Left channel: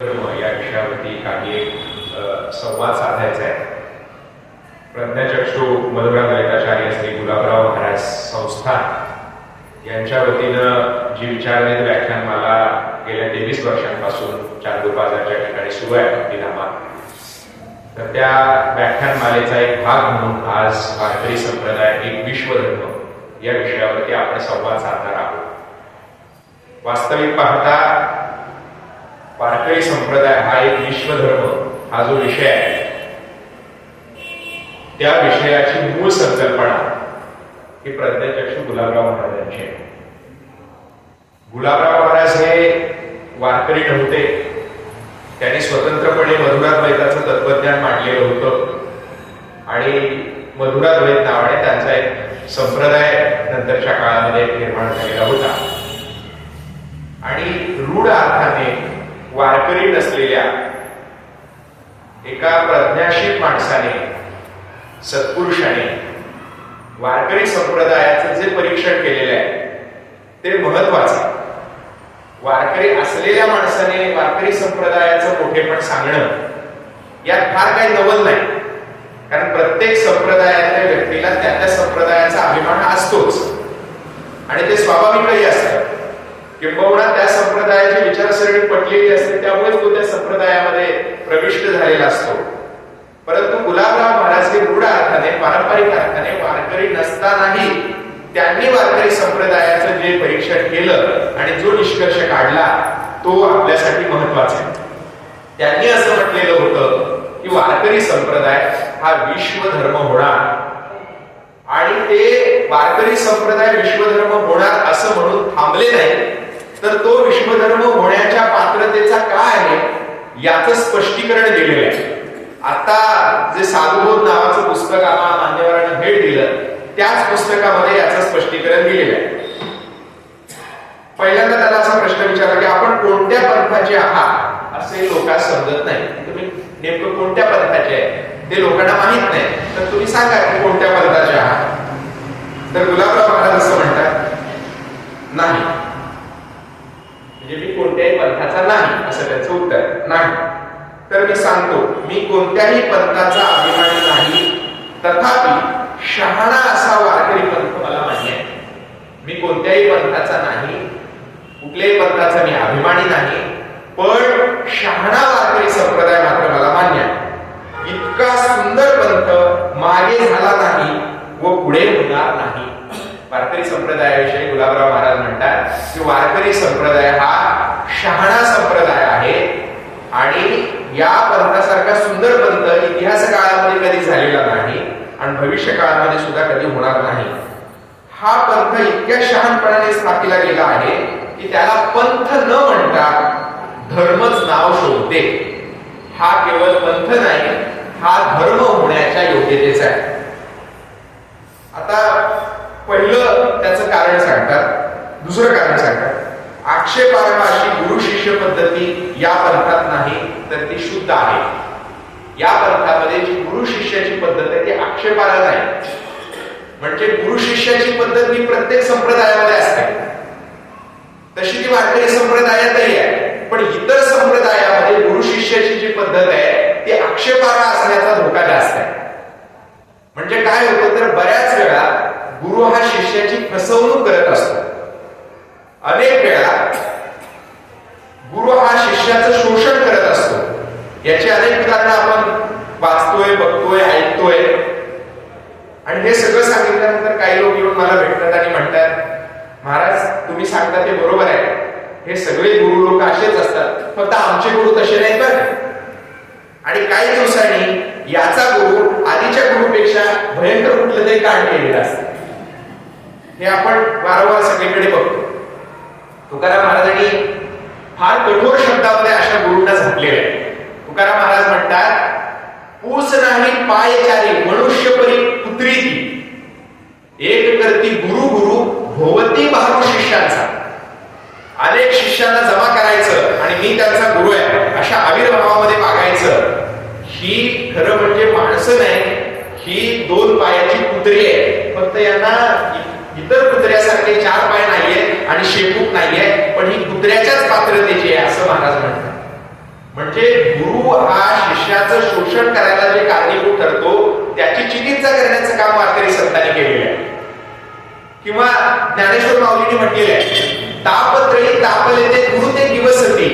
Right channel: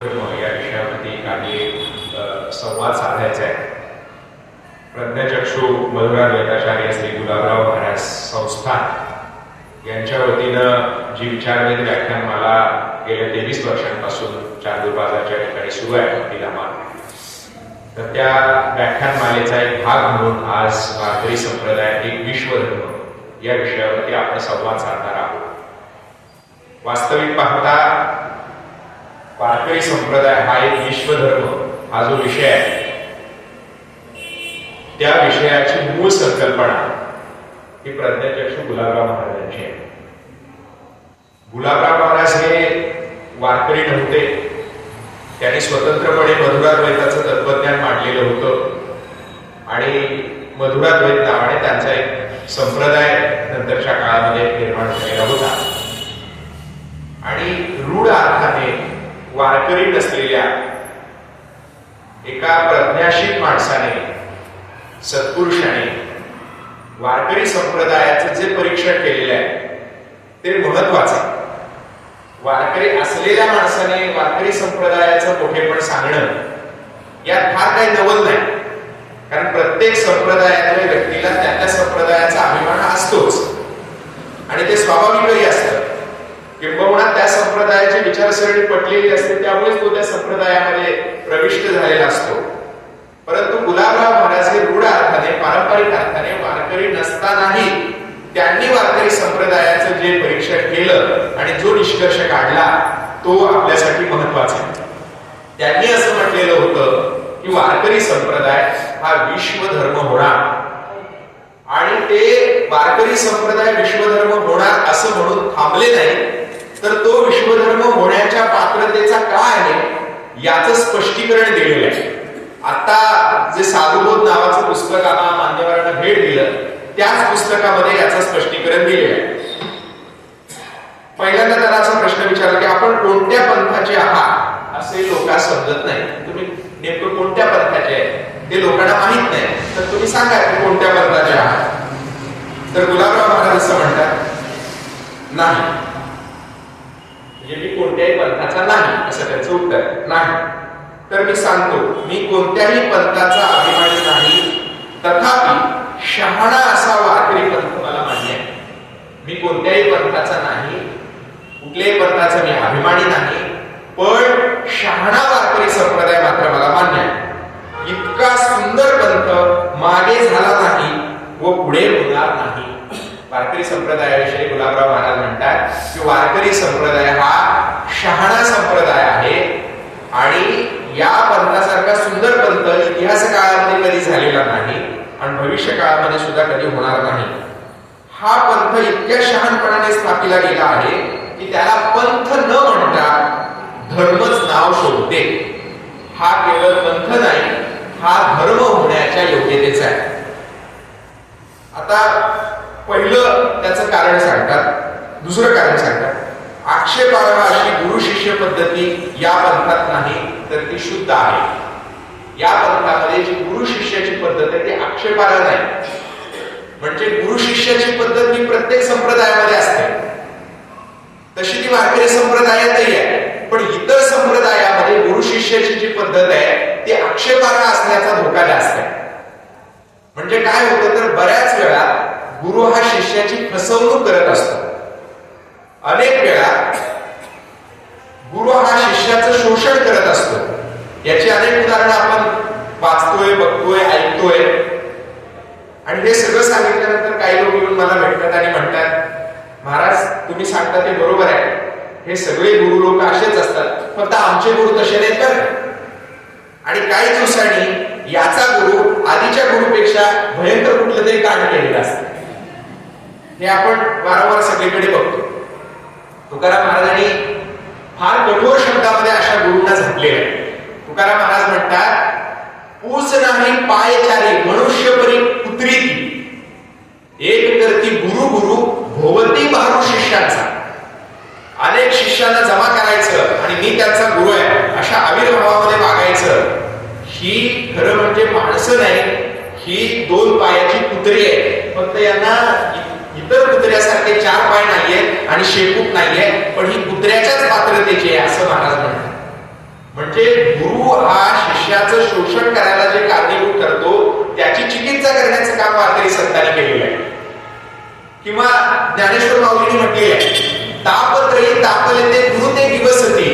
या विषयावरती काही संवाद साधायचा आहे. प्रज्ञाचक्षू मधुराद्वैताचार्य श्री गुलाबराव महाराज संस्थान यांच्या वतीनं जी विचारवेध व्याख्यानमाला गेल्या 23 वर्षांपासून चांदूरबाजारच्या ठिकाणी सुरू आहे अब्दुल्लामा, तर त्या व्याख्यानमालेचा एक भाग म्हणून आज वारकरी संप्रदाय एक विश्वधर्म या विषयावरती आपण संवाद साधणार आहोत. वास्तविक पाहता वारकरी संप्रदाय हा एक विश्वधर्म हा जो विषय आहे, त्या विषयाची मूळ संकल्पना ही प्रज्ञाचक्षू गुलाबराव महाराजांची आहे. गुलाबराव महाराज हे वारकरी नव्हते. त्यांनी स्वतंत्रपणे मधुराद्वैताचं तत्वज्ञान मांडलेलं होतं आणि मधुराद्वैत नावाने त्यांचा एक संप्रदाय नंतरच्या काळामध्ये निर्माण झालेला होता. आणि रूढ अर्थाने वारकरी नसलेल्या एका प्रज्ञाशील माणसाने, सत्पुरुषाने वारकरी संप्रदायाचं जे परीक्षण केलेलं आहे ते महत्वाचं. वारकरी असलेल्या माणसाने वारकरी संप्रदायाचं मोठेपण सांगणं यात फार काही नवल नाही, कारण प्रत्येक संप्रदायातल्या व्यक्तीला त्या संप्रदायाचा अभिमान असतोच आणि ते स्वाभाविकही असतं. किंबहुना त्या संप्रदायाची विचारसरणी पटलेली असते, त्यामुळेच तो त्या संप्रदायामध्ये प्रविष्ट झालेला असतो. परंतु गुलाबराव महाराज हे रूढ अर्थाने, पारंपरिक अर्थाने वारकरी नसतानाही त्यांनी वारकरी संप्रदायाचं जे परीक्षण केलं आणि जो निष्कर्ष काढला तो आपल्यासाठी महत्वाचा आहे. त्यांनी असं म्हटलेलं होतं की वारकरी संप्रदाय हा विश्वधर्म होणार आणि ते वारकरी संप्रदाय विश्वधर्म होणार असं म्हणून थांबले नाही, तर तो विश्वधर्म होण्याच्या पात्रतेचा काय आहे याचं स्पष्टीकरण दिलेलं आहे. आता जे साधुबोध नावाचं पुस्तक आम्हाला मान्यवरांनी भेट दिलं, त्याच पुस्तकामध्ये याचं स्पष्टीकरण दिलेलं आहे. पहिल्यांदा त्याला असा प्रश्न विचारला की आपण कोणत्या पंथाचे आहात असे लोकांना समजत नाही. तुम्ही नेमकं कोणत्या पंथाचे आहे ते लोकांना माहित नाही, तर तुम्ही सांगा की कोणत्या पंथाचे आहात. तर गुलाबराव महाराज असं म्हणतात, नाही, म्हणजे मी कोणत्याही पंथाचा नाही असं त्यांचं उत्तर. नाही तर मी सांगतो, मी कोणत्याही पंथाचा अभिमानी नाही, तथापि शहाणा असा वारकरी पंथ मला मान्य आहे. मी कोणत्याही पंथाचा नाही, कुठल्याही पंथाचा मी अभिमानी नाही, पण शहाणा वारकरी संप्रदाय मात्र मला मान्य आहे. इतका सुंदर पंथ मागे झाला नाही व पुढे होणार नाही. वारकरी संप्रदायाविषयी गुलाबराव महाराज म्हणतात की वारकरी संप्रदाय हा शहाणा संप्रदाय आहे आणि या पंथासारखा सुंदर पंथ इतिहास काळामध्ये कधी झालेला नाही आणि भविष्य काळामध्ये सुद्धा कधी होणार नाही. हा पंथ इतक्या शहाणपणाने स्थापिला गेला आहे की त्याला पंथ न म्हणता धर्मच नाव शोधते. हा केवळ पंथ नाही, हा धर्म होण्याच्या योग्यतेचा आहे. आता पहिलं त्याचं कारण सांगतात. दुसरं कारण सांगतात, आक्षेपार्ह अशी गुरु शिष्य पद्धती या पंथात नाही, तर ती शुद्ध आहे. या पंथामध्ये जी गुरु शिष्याची पद्धत आहे ती आक्षेपार्ह नाही. म्हणजे गुरु शिष्याची पद्धत ही प्रत्येक संप्रदायामध्ये असते, तशी ती वारकरी संप्रदायातही आहे. पण इतर संप्रदायामध्ये गुरु शिष्याची जी पद्धत आहे ती आक्षेपार्ह असण्याचा धोका जास्त आहे. म्हणजे काय होतं, तर बऱ्याच वेळा गुरु हा शिष्याची फसवणूक करत असतो. अनेक वेळा गुरु हा शिष्याचं शोषण करत असतो. याची अनेक उदाहरणं आपण वाचतोय, बघतोय, ऐकतोय. आणि हे सगळं सांगितल्यानंतर काही लोक येऊन मला भेटतात आणि म्हणतात, महाराज तुम्ही सांगता ते बरोबर आहे, हे सगळे गुरु लोक असेच असतात, फक्त आमचे गुरु तसे नाहीत बरं. आणि काही दिवसांनी याचा गुरु आधीच्या गुरुपेक्षा भयंकर कुठलं तरी कांड केलेलं असतं. हे आपण वारंवार सगळीकडे बघतो. तुकाराम महाराजांनी फार कठोर शब्दामध्ये अशा गुरूंना झापलेलं आहे. तुकाराम महाराज म्हणतात, पूस नाही पाय चारी मनुष्य परी पुत्री एक करती गुरु गुरु भोवती बहारू शिष्यांचा. अनेक शिष्यांना जमा करायचं आणि मी त्यांचा गुरु आहे अशा आविर्भावामध्ये वागायचं. ही खरं म्हणजे माणसं नाही, ही 2 पायाची कुत्री आहे. फक्त यांना इतर कुत्र्यासारखे 4 पाय नाहीये आणि शेपूट नाहीये, पण ही कुत्र्याच्याच पात्रतेची आहे असं महाराज म्हणतात. म्हणजे गुरु हा शिष्याचं शोषण करायला जे कारणीभूत ठरतो त्याची चिकित्सा करण्याचं काम वारकरी संतांनी केलेलं आहे. किंवा ज्ञानेश्वर माऊलींनी म्हटलेलं आहे, तापत्रयी तापले ते गुरु ते दिवसती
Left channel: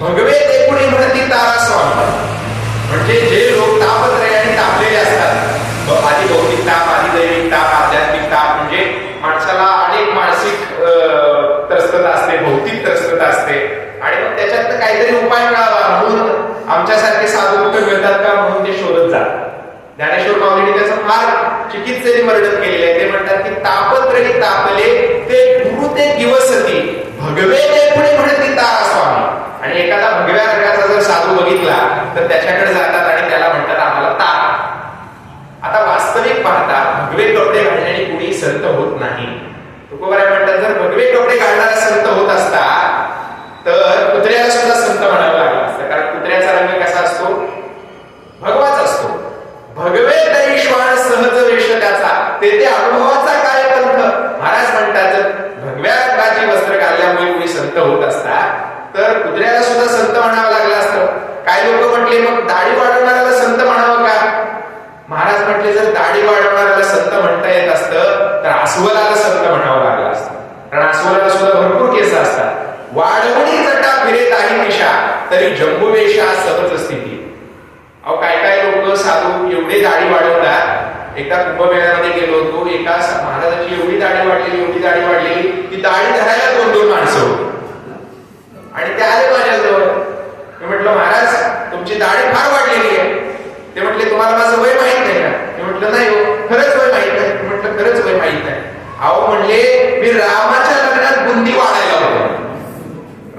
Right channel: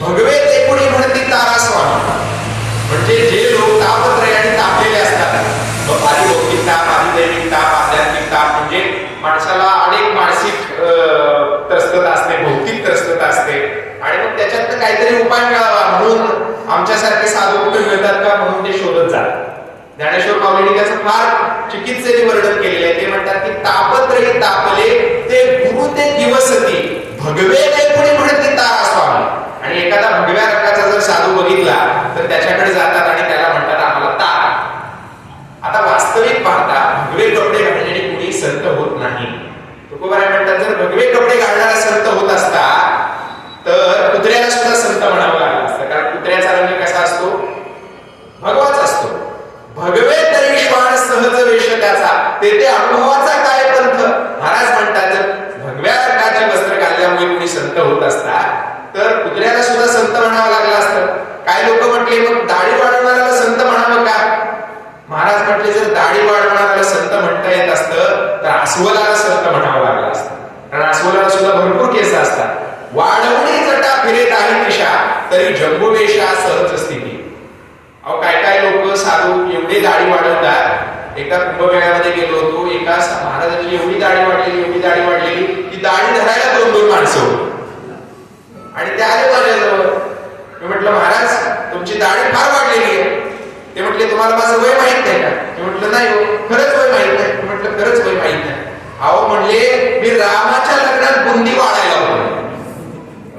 भगवे ते कुणी म्हणती तारा स्वामी. म्हणजे जे लोक तापत्रयाने तापलेले असतात, आधी लौकिक ताप, आधी दैविक ताप, आध्यात्मिक ताप, म्हणजे माणसाला अनेक मानसिक त्रस्तता असते, भौतिक त्रस्तता असते, आणि मग त्याच्यात काहीतरी उपाय मिळावा म्हणून आमच्यासारखे साधू कुठे मिळतात का म्हणून ते शोधत जातात. ज्ञानेश्वर माऊलींनी त्याचं फार चिकित्सेने वर्णन केलेलं आहे. ते म्हणतात की तापत्रयी तापले ते गुरु ते दिवसती भगवे ते पुढे म्हणते तारा स्वामी. आणि एखादा भगव्या रंगाचा जर साधू बघितला तर त्याच्याकडे जातात आणि त्याला म्हणतात आम्हाला तारा. आता वास्तविक पाहता भगवे कपडे घालण्याने कुणी संत होत नाही. तुकोबाराय म्हणतात जर भगवे कपडे घालणारा संत होत असता तर कुत्र्याला सुद्धा संत म्हणावं लागलं असतं. कारण कुत्र्याचा रंग कसा असतो? भगवाच असतो. भगवे तरी श्वान सहज वेश त्याचा तेथे अनुभवाचा काय पंथ. महाराज म्हणतात जर भगव्या रंगाची वस्त्र घालल्यामुळे कुणी संत होत असता तर कुत्र्याला सुद्धा संत म्हणावं लागलं असतं. काय लोक म्हटले मग दाढी वाढवणाऱ्याला संत म्हणावं का? महाराज म्हटले जर दाढी वाढवणाऱ्याला संत म्हणता येत असतं तर अस्वलाला संत म्हणावं लागलं असतं. कारण अस्वलाला सुद्धा भरपूर केस असतात. वाढवणी जटा फिरेत आहे दिशा तरी जंबुकेशा सहज स्थिती. अहो काय काय लोक साधू एवढे दाढी वाढवतात. एका कुंभमेळ्यामध्ये गेलो होतो, एका महाराजाची एवढी दाढी वाढलेली की दाढी धरायला 2-2 माणसं होती. आणि ते आले माझ्याजवळ. मी म्हटलं महाराज तुमची दाढी फार वाढलेली आहे. ते म्हटले तुम्हाला माझं वय माहित नाही का? मी म्हटलं नाही हो, खरंच वय माहित नाही. मी म्हटलं खरंच वय माहित नाही. अहो म्हणले मी रामाच्या लग्नात बुंदी वाढायला होतो.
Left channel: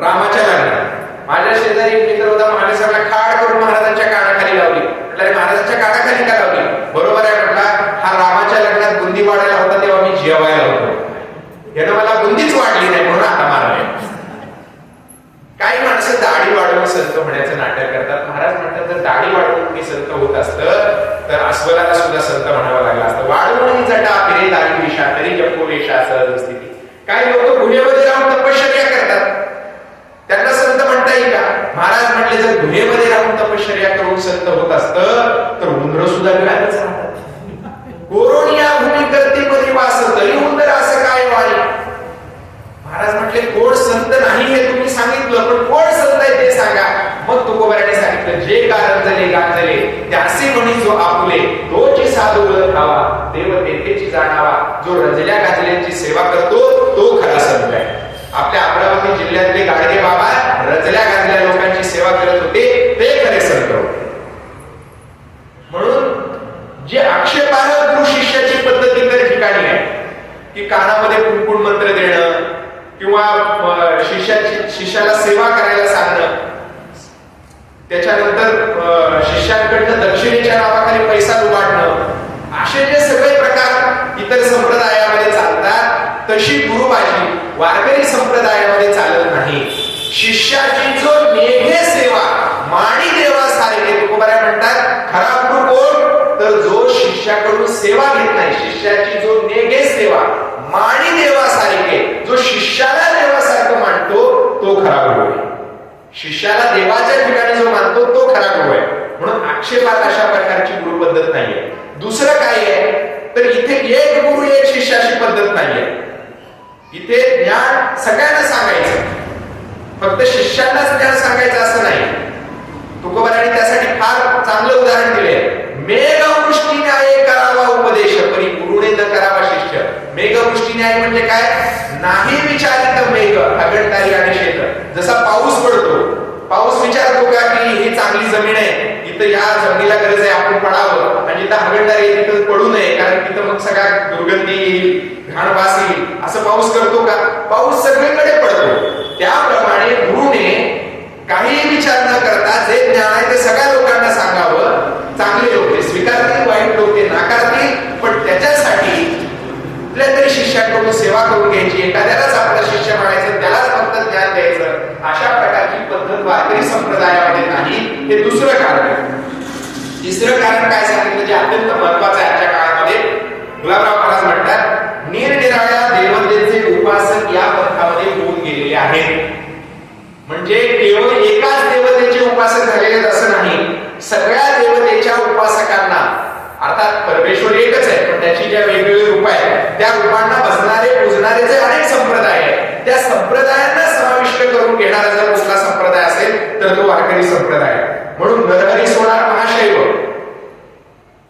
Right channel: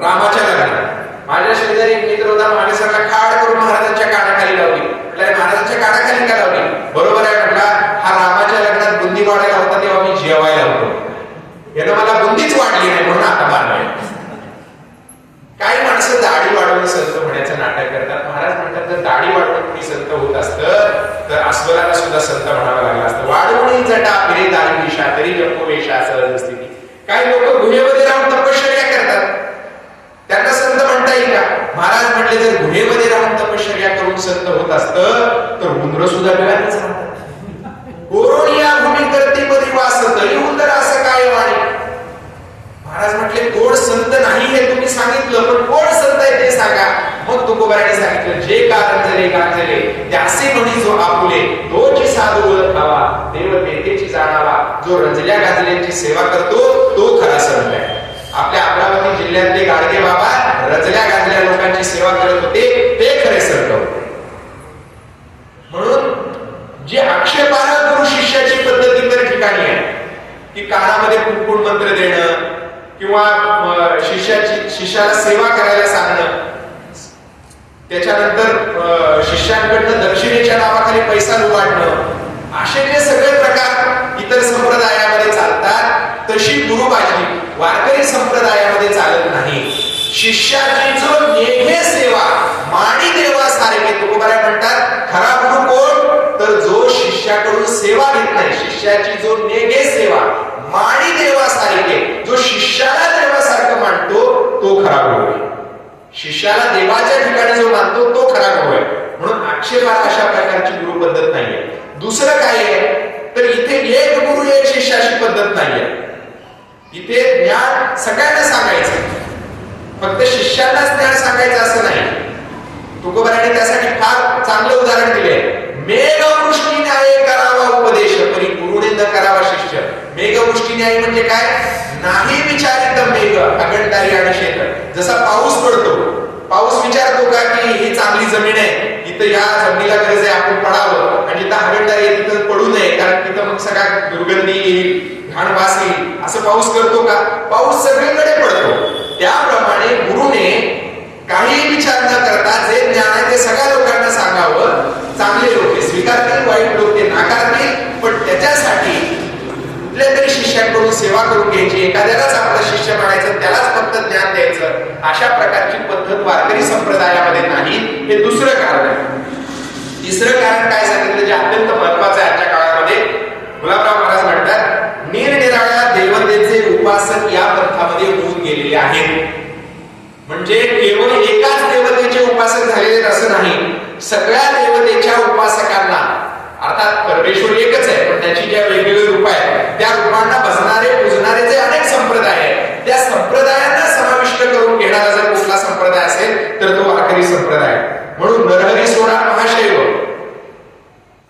रामाच्या लग्नात माझ्या शेजारी एक मित्र होता, महाराजांना खाड करून महाराजांच्या कानाखाली लावली. म्हटलं महाराजांच्या कानाखाली का लावली? बरोबर आहे म्हटला, हा रामाच्या लग्नात बुंदी वाढायला होता तेव्हा मी जेवायला होतो. यानं मला बुंदीच वाढली नाही म्हणून आता मारलंय. काही माणसं दाढी वाढवून संत म्हणायचं नाटक करतात. महाराज म्हणतात जर दाढी वाढवून कुणी संत होत असतं तर अस्वलाला सुद्धा संत म्हणावं लागलं असतं. वाढवून जटा फिरे दाढी दिशा तरी जंबुकेशा सहज स्थिती. काही लोक गुहेमध्ये राहून तपश्चर्या करतात, त्यांना संत म्हणता येईल का? महाराज म्हटले जर गुहेमध्ये राहून तपश्चर्या करून संत होत असतं तर उंदर सुद्धा मिळालंच राहतात. कोरोनिया भूमी करते परी वास तरी उंदर असं काय वाणी. महाराज म्हटले कोण संत नाही हे तुम्ही सांगितलं, पण कोण संत आहे ते सांगा. मग तुकोबाराने सांगितलं जे गांजले गांजले त्यासे म्हणी जो आपुले तोची साधू ओळखावा देव नेतेची जाणावा. जो रंजल्या गांजल्यांची सेवा करतो तो खरा संत आहे. आपल्या अमरावती जिल्ह्यातले गाडगे बाबा रंजल्या गांजल्या लोकांची सेवा करत होते ते खरे संत होते. म्हणून जे आक्षेपार्ह गुरु शिष्याची पद्धत इतर ठिकाणी आहे की कानामध्ये कुंकुण मंत्र देणं किंवा शिष्याला सेवा करायला सांगणं, त्याच्यानंतर शिष्यांकडनं दक्षिणेच्या नावाखाली पैसा लुबाडणं, असे जे सगळे प्रकार इतर संप्रदायामध्ये चालतात तशी गुरुबाजी वारकरी संप्रदायामध्ये चालत नाही. शिष्याची जो नेघे सेवा माणी देवासारखे तुकोबाराय म्हणतात खरा गुरु कोण तर जो शिष्याकडून सेवा घेत नाही. शिष्याची जो नेघे सेवा माणी देवासारखे जो शिष्याला देवासारखं मानतो तो खरा गुरु आहे. शिष्याला देवाच्या ठिकाणी जो मानतो तो खरा गुरु आहे. म्हणून आक्षेपार्ह अशा प्रकारची गुरु पद्धत नाहीये. दुसरं काय आहे तर इथे एक गुरु एक शिष्याची पद्धत नाहीये. इथे ज्ञान सगळ्यांना सांगायचं, फक्त शिष्यांनाच ज्ञान सांगायचं असं नाही. तुकोबाराने त्यासाठी फार चांगलं उदाहरण दिले. मेघवृष्टी न्याय करावा उपदेश परी गुरुने न करावा शिष्य. मेघवृष्टी न्याय म्हणजे काय? नाही विचारित मेघ अगणतारी आणि शेत. जसा पाऊस पडतो, पाऊस विचारतो का की ही चांगली जमीन आहे, इथं या जमिनीला गरज आहे आपण पडावं, आणि जिथं हगणदारी आहे तिथं पडू नये कारण तिथं मग सगळ्या दुर्गंधी येईल, घाण वास येईल, असं पाऊस करतो का? पाऊस सगळीकडे पडतो. त्याप्रमाणे गुरुने काही विचार न करता जे ज्ञान आहे ते सगळ्या लोकांना सांगावं. चांगले लोक स्वीकारतील, वाईट लोक नाकारतील, पण त्याच्यासाठी कुठल्या तरी शिष्याकडून सेवा करून घ्यायची, एखाद्यालाच आपला शिष्य म्हणायचं, त्यालाच फक्त ज्ञान द्यायचं, अशा प्रकारची पद्धत वारकरी संप्रदायामध्ये नाही. हे दुसरं कारण आहे. तिसरं कारण काय सांगितलं जे अत्यंत महत्वाचं आहे आजच्या काळामध्ये. गुलाबराव महाराज म्हणतात निरनिराळ्या देवतेचे उपासक या पंथामध्ये होऊन गेलेले आहेत. म्हणजे केवळ एकाच देवतेचे सगळ्या देवतेच्या उपासकांना, अर्थात परमेश्वर एकच आहे पण त्याची ज्या वेगवेगळी रूप आहेत त्या रूपांना भजणारे पूजणारे जे अनेक संप्रदाय आहेत त्या संप्रदायांना समाविष्ट करून घेणारा जर कुठला संप्रदाय असेल तर तो वारकरी संप्रदाय. म्हणून नरहरी सोनार महाशैव.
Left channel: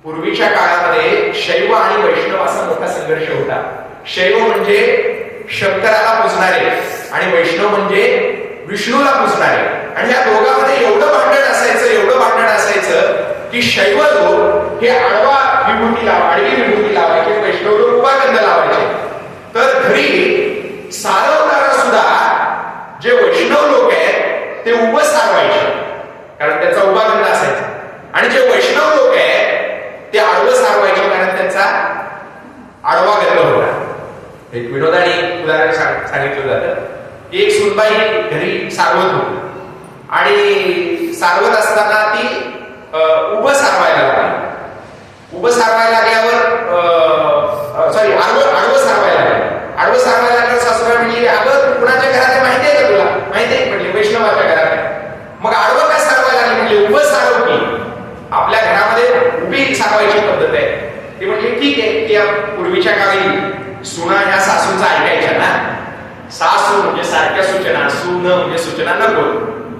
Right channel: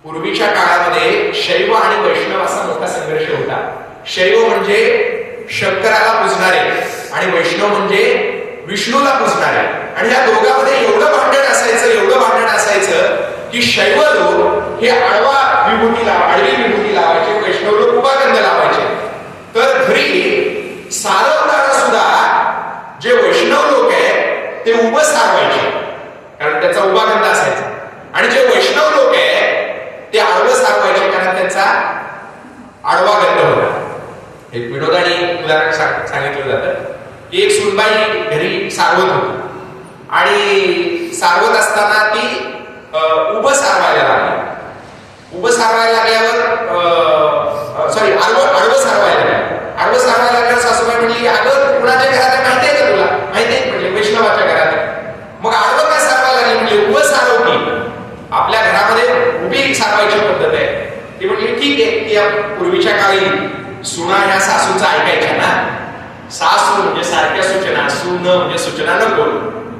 पूर्वीच्या काळामध्ये शैव आणि वैष्णव असा मोठा संघर्ष होता. शैव म्हणजे शंकराला पूजणारे आणि वैष्णव म्हणजे विष्णूला पूजणारे. आणि या दोघांमध्ये एवढं भांडण असायचं की शैव लोक हे आडवी विभूती लावायचे, वैष्णव लोक उभा गंध लावायचे. तर घरी सारवताना सुद्धा जे वैष्णव लोक आहेत ते उभं सारवायचे कारण त्याचा उभा गंध असायचा, आणि जे वैष्णव लोक आहेत ते आडवं सारवायचे कारण त्यांचा आडवा गंध होता. एक विनोदाने उदाहरण सांगितलं जातं की एक सुनबाई घरी सारवत होती आणि सारवत असताना ती उभं सारवायला लागली. उभं सारवायला लागल्यावर आडवं सारवायला लागल्यावर सासूबाई म्हणली, अगं कुणाच्या घरात आहे माहिती आहे का तुला? माहिती आहे म्हणले, वैष्णवाच्या घरात आहे. मग आडवं काय सारवायला लागली? म्हणजे उभं सारव की, आपल्या घरामध्ये उभी सारवायची पद्धत आहे. ती म्हटली ठीक आहे. की या पूर्वीच्या काळी सुना ह्या सासूचा ऐकायच्या ना, सासू म्हणजे सारख्या सूचना, सून म्हणजे सूचना नको.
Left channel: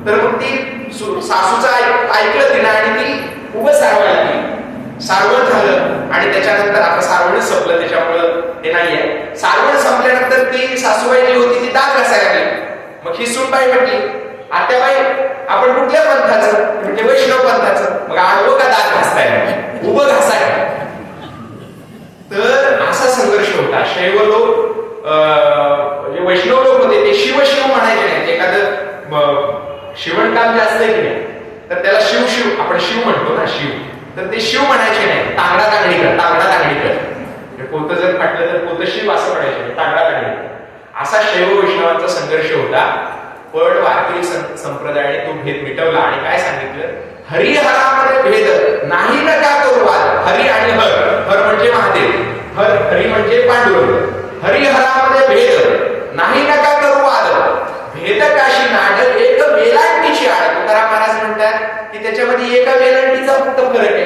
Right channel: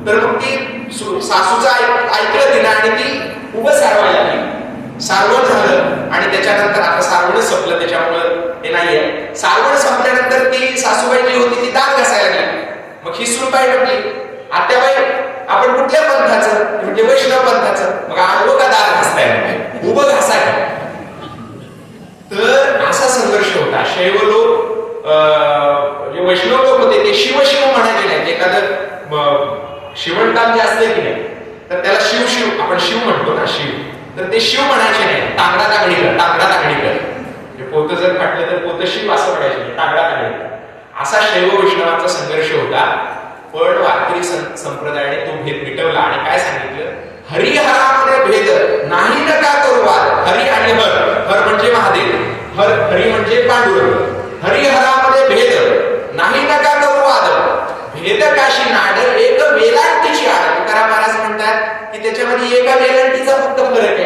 तर मग ती सासूचं ऐकलं तिनं आणि ती उभं सारवायला लागली. सारवण झालं आणि त्याच्यानंतर आता सारवणच संपलं त्याच्यामुळं हे नाहीये. सारवण संपल्यानंतर ती सासूबाई जी होती ती दात घासायला लागली. मग ही सूनबाई म्हटली, आत्याबाई आपण कुठल्या पंथाचं? म्हणजे वैष्णव पंथाचं. मग आडवं का दात घासताय? उभं घासाय. तर असा संघर्ष होता. शैव लोक जे वैष्णव लोक होते ते शिव म्हणायचे नाही. एखादं शिवणकाम जे असतंय की नाही तर त्याला शिव आपण शिव म्हणतो ना, शिव, तर ते शिव म्हणायचे नाही. तांगडा तांगडीकर. पोतं जर फाटलं तर पोतं शिव असं म्हणायचे, तांगडा तांगडीकर. असा शैव वैष्णवांचा संघर्ष होता. पण वारकरी संप्रदायाने तो भेद मिटवला आणि काय सांगितलं? हरिहरामध्ये भेद नाही नका करू वाद. हरी आणि हर म्हणजे महादेव, हरी म्हणजे पांडुरंग. हरिहरामध्ये भेद नाही नका करू वाद. भेद काशी नाड एक वेलांटीची आड. तुकाराम महाराज म्हणतात की त्याच्यामध्ये एका वेलांटीचा फक्त फरक आहे.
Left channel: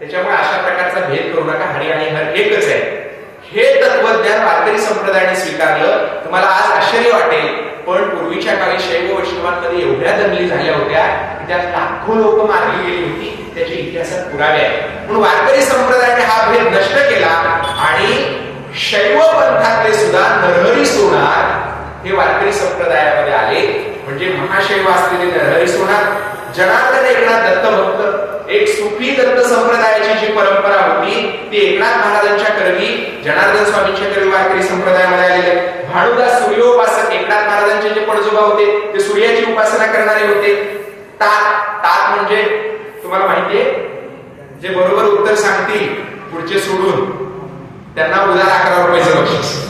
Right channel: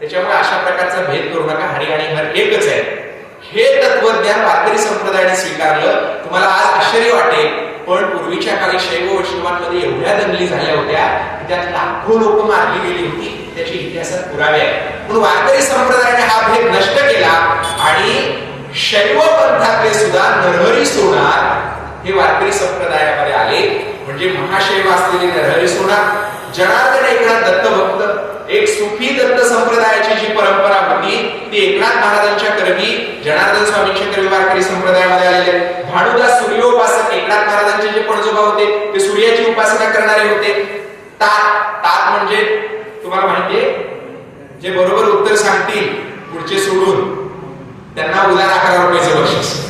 त्याच्यामुळे अशा प्रकारचा भेद करू नका. हरी आणि हर एकच आहे. हे तत्वज्ञान वारकरी संप्रदायाने स्वीकारलं. तुम्हाला आज आश्चर्य वाटेल पण पूर्वीच्या काळी शैव वैष्णवांमध्ये एवढ्या दंगली झाल्या होत्या की त्यात लाखो लोक मारली गेली होती. त्याचे इतिहासात पुरावे आहेत. म्हणून वारकरी संप्रदायाने हा भेद नष्ट केला आणि शैव पंथातले सुद्धा नरहरी सोनार हे वारकरी संप्रदायामध्ये आले. म्हणजे महाशैव असलेले नरहरी सोनार, जनार्दन एकनाथ दत्तभक्त, एक सुफी दत्त संप्रदायाची जी परंपरा होती ती एकनाथ महाराजांच्या करवी, जनार्दन स्वामींच्या करवी वारकरी संप्रदायामध्ये आलेले. भानुदास सूर्योपासक, एकनाथ महाराजांचे जे पणजोबा होते ते सूर्याची उपासना करणारे होते. तात म्हणजे तुम्हाला माहितीये, जे बरोबर उत्तर सांगतील पुढचे सोडून त्यांना उदार 11 रुपयाचं बक्षीस.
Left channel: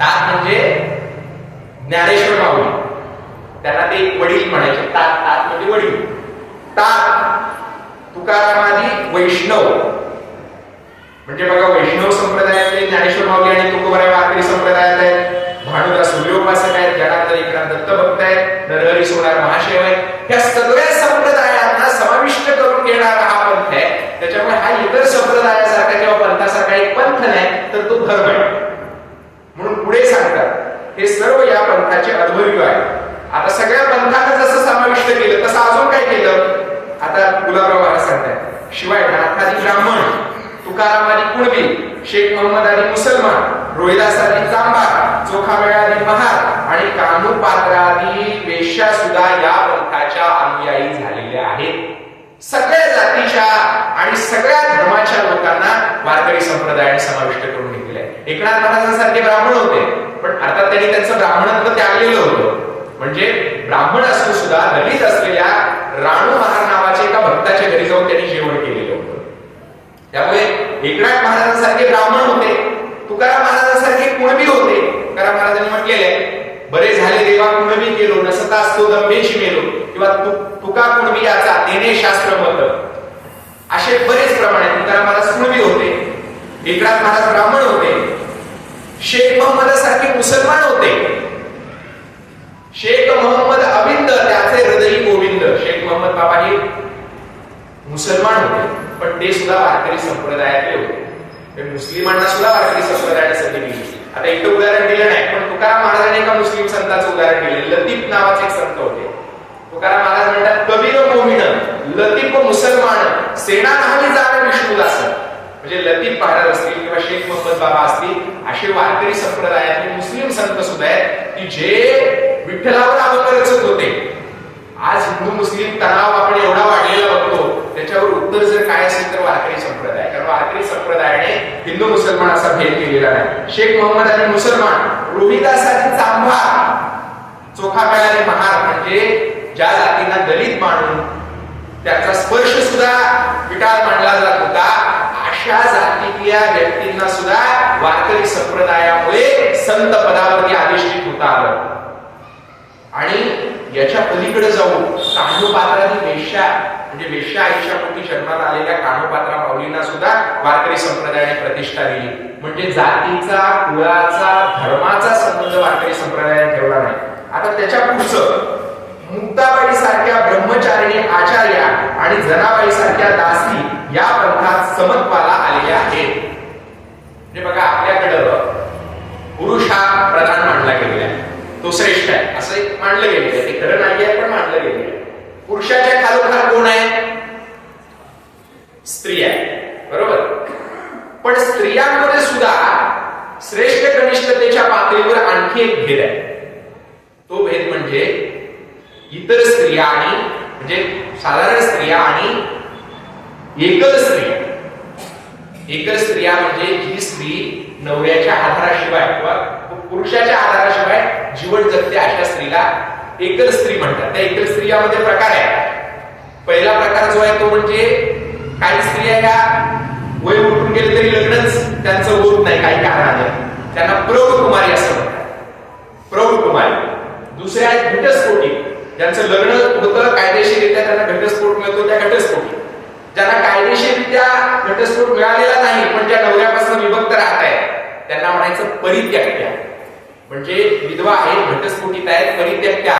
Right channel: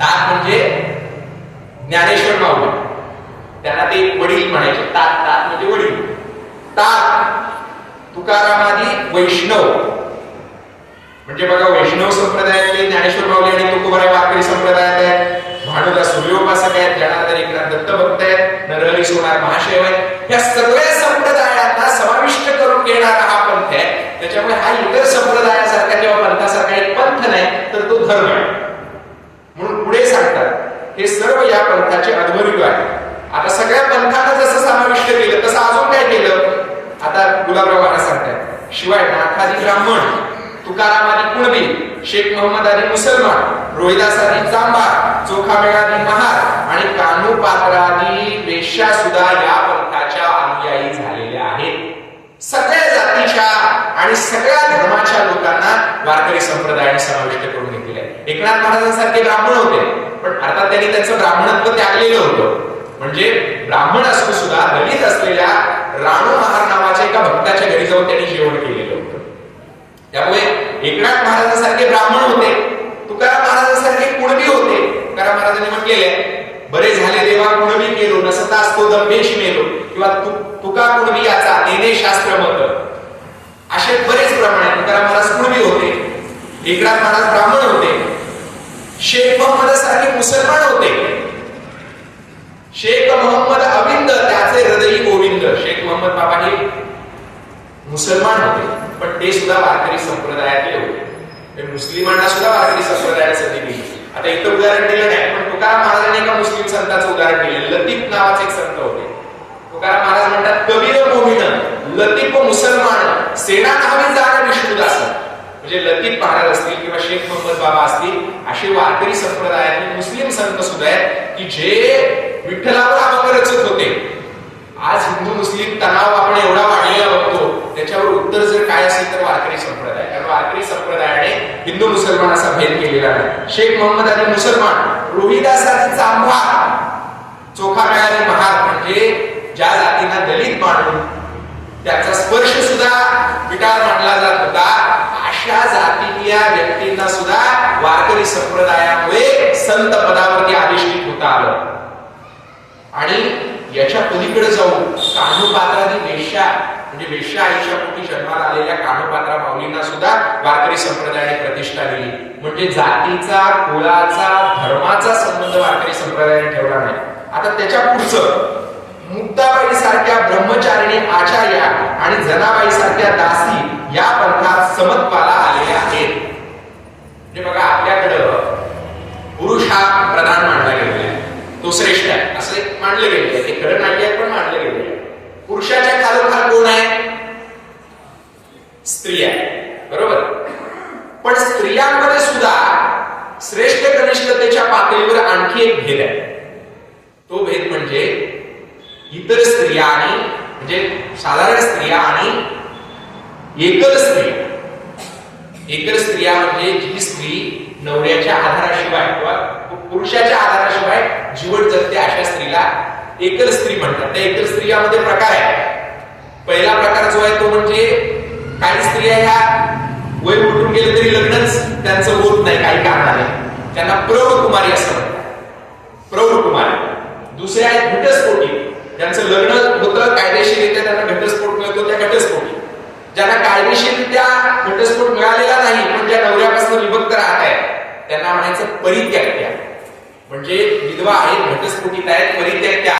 तात म्हणजे ज्ञानेश्वर माऊली, त्यांना ते वडील म्हणायचे. तात म्हणजे वडील. तात तुकारामादी वैष्णव म्हणजे बघा, वैष्णव संप्रदायातले ज्ञानेश्वर माऊली आणि तुकोबाराय वारकरी संप्रदायात आहेत. भानुदास सूर्योपासक आहेत, जनार्दन एकनाथ दत्तभक्त आहेत, नरहरी सोनार महाशैव आहेत. या सगळ्या संप्रदायांना समाविष्ट करून घेणारा हा पंथ आहे. त्याच्यामुळे हा इतर संप्रदायासारखा किंवा पंथासारखा एक पंथ नाही तर तो धर्म आहे. म्हणून पुढे सांगतात हे सर्व या पंथाचे अध्वर्यू आहे. आता सगळ्या पंथांना जसं समाविष्ट केलं तसं अजून काय केलं? आता गुलाबराव महाराज सांगतात, शिवाय नाथादी ब्राह्मण, तुकारामादी कुणबी, शेख मोहम्मद आदी मुसलमान, रोहिदास आदी चांभार, चोखामेळादी महार आणि कान्होपात्रादी वेश्या सुद्धा या पंथाच्या अनुयायी झालेल्या आहेत. सगळ्या जातीच्या आणि सगळ्या धर्माच्या लोकांना वारकरी संप्रदायाने समाविष्ट करून घेतलेले आहे. एकनाथ महाराजांसारखे ब्राह्मण होते पण अर्थात त्यांनी त्यांचं ब्राह्मणत्व त्यागलेलं होतं. म्हणजे ब्राह्मण असून सुद्धा दलित असलेल्या राणू महार नावाच्या एका भक्ताच्या घरी जाऊन त्यांनी जेवण केलेलं होतं. त्यामुळे एकनाथ महाराजांसारखे ब्राह्मण होते, तुकाराम महाराजांसारखे कुणबी होते. तुकाराम महाराजांनी म्हटलेले, बरे झाले देवा कुणबी केलो, नसता असतो दंभेची मेलो, किंवा तुका कुणबी याचा नेने शास्त्र मत. असे बरेच प्रमाण आहेत. तुकाराम महाराज कुणबी होते, एकनाथ महाराज ब्राह्मण होते, शेख मोहम्मद सारखे मुसलमान होते. शेख मोहम्मद अबिंद त्याचे हृदयी गोविंद. शेख मोहम्मद बाबा हे मुसलमान होते, पण ते सुद्धा वारकरी संप्रदायातले होते. मुस्लिमांना सुद्धा वारकरी संप्रदायाने संधी दिली. आता इथं उदाहरण दिलं नाही, पण तुकाराम महाराजांनी एका मुस्लिम संतांचं उदाहरण दिलं. लतीफ नावाचे एक संत होते. तुकाराम महाराज म्हणतात, कबीर मोमिन लतीफ मुसलमान सेना नहावी जाणं विष्णुदास. म्हणजे लतीफ महाराज असतील किंवा शेख मोहम्मद बाबा असतील, असे वारकरी संप्रदायातले मुस्लिम संत सुद्धा आहेत की जे विठ्ठलावर अभंग रचत होते. आज हिंदू मुस्लिम तणाव आपण एवढा वाढलेला बघतो, त्याच्यावर उत्तर जर काय असेल तर वारकरी संप्रदाय. कारण वारकरी संप्रदायाने हिंदू मुसलमान असा भेद केलेला नाही. शेख मोहम्मद आणि मुसलमान, रोहिदासाची चांभार, चोखा काळाने महार, म्हणजे ज्या जातींना दलित मानून त्याचा स्पर्श सुद्धा विटाळ मानला जात होता, अशा जातीतल्या व्यक्तींना सुद्धा वारकरी संप्रदायामुळे संत पदावरती अधिष्ठित होता आलं. आणि याच्या पलीकडे जाऊन कान्होपात्रांनी वेश्या, म्हणजे वेश्या आईच्या पोटी जन्माला आलेल्या कान्होपात्रा माऊलींना सुद्धा वारकरी संप्रदायाने प्रतिष्ठा दिली. म्हणजे जातीचा, कुळाचा, धर्माचा संबंध वारकरी संप्रदायाने ठेवला नाही. आता त्याच्या पुढचं मुक्ताबाई सारख्या ब्रह्मचारिणी आचार्या आणि जनाबाई सारख्या दासी या पंथात समत्वाला आलेल्या आहेत. म्हणजे बघा, आपल्याकडं पुरुष हा प्रधान मानला गेलेला आहे, तो श्रेष्ठ आहे असं मानलं गेलेलं आहे. ते खरं नाही आहे, पण मानलं गेलेलं आहे. पुरुषाच्या खालोखाल कोण आहे? स्त्री आहे, बरोबर. पण स्त्रियांमध्ये सुद्धा श्रेष्ठ कनिष्ठतेच्या पातळीवर आणखी एक भेद आहे. तो भेद म्हणजे इतर स्त्रिया आणि, म्हणजे साधारण स्त्रिया आणि एकल स्त्रिया. एकल स्त्रिया म्हणजे जी स्त्री नवऱ्याच्या आधाराशिवाय किंवा पुरुषाच्या आधाराशिवाय जीवन जगते, अशा स्त्रीला एकल स्त्री म्हणतात. त्या एकल स्त्रियामध्ये प्रकार आहे. पहिला प्रकार जो आहे तो म्हणजे काही स्त्रिया ह्या वय उठून गेले तरी लग्नच त्यांचं होत नाही काही कारणाने, त्यांना प्रौढ कुमारी असं म्हणतात, प्रौढ कुमारी. दुसऱ्या आहेत घटस्फोटी, ज्यांचं लग्न होतं कायदेशीररित्या, त्यांना घटस्फोट मिळतो त्या घटस्फोटी. ज्यांना कायदेशीररित्या घटस्फोट मिळालेला नाही पण ज्या नवऱ्यापासून विभक्त राहत आहेत, त्यांना म्हणायचं परित्याग. म्हणजे विधवा आहेत, घटस्फोटीत आहेत, परित्याग